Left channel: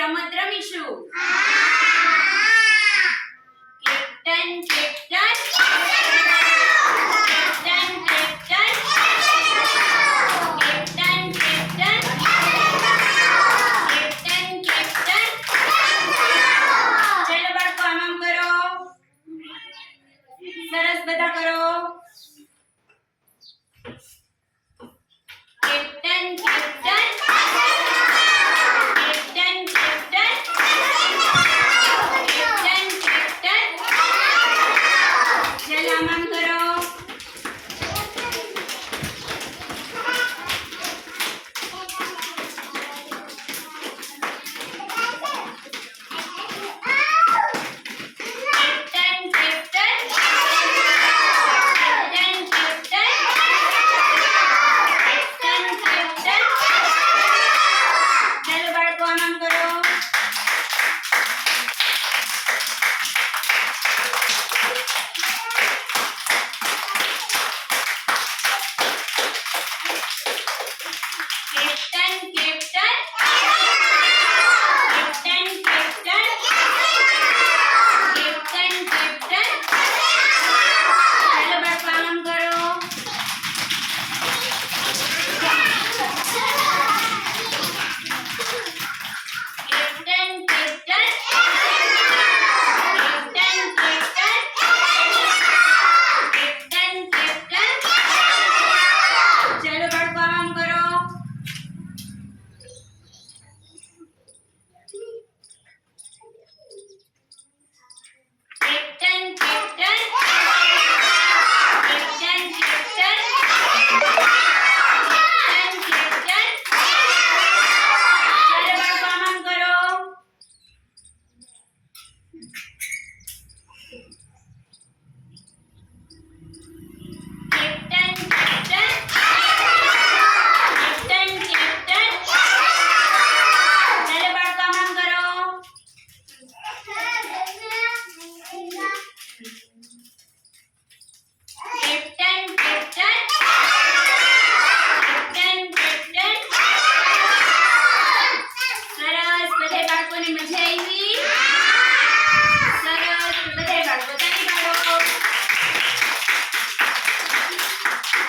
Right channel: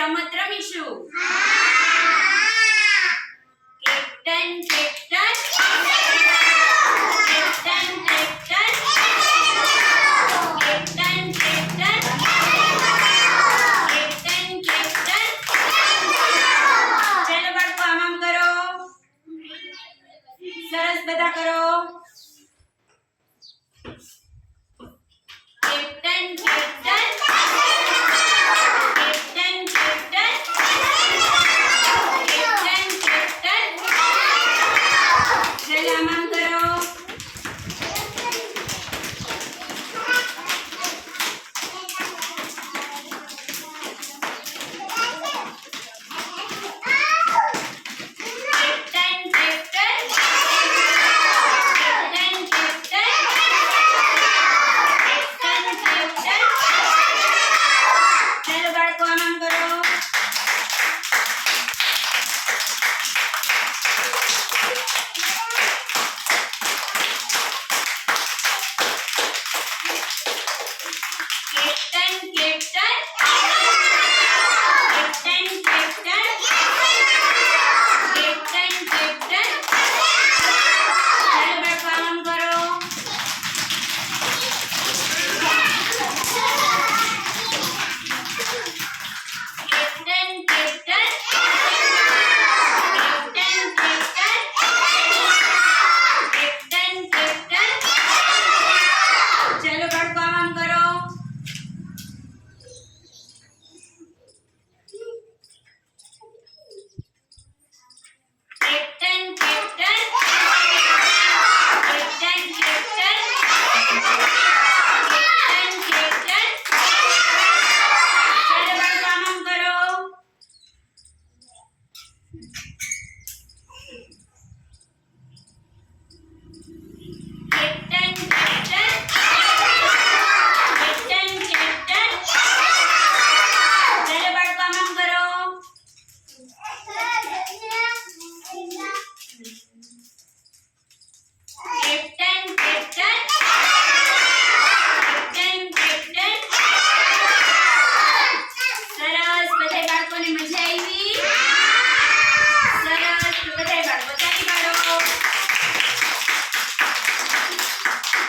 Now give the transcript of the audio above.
રમત રમીશું captain captain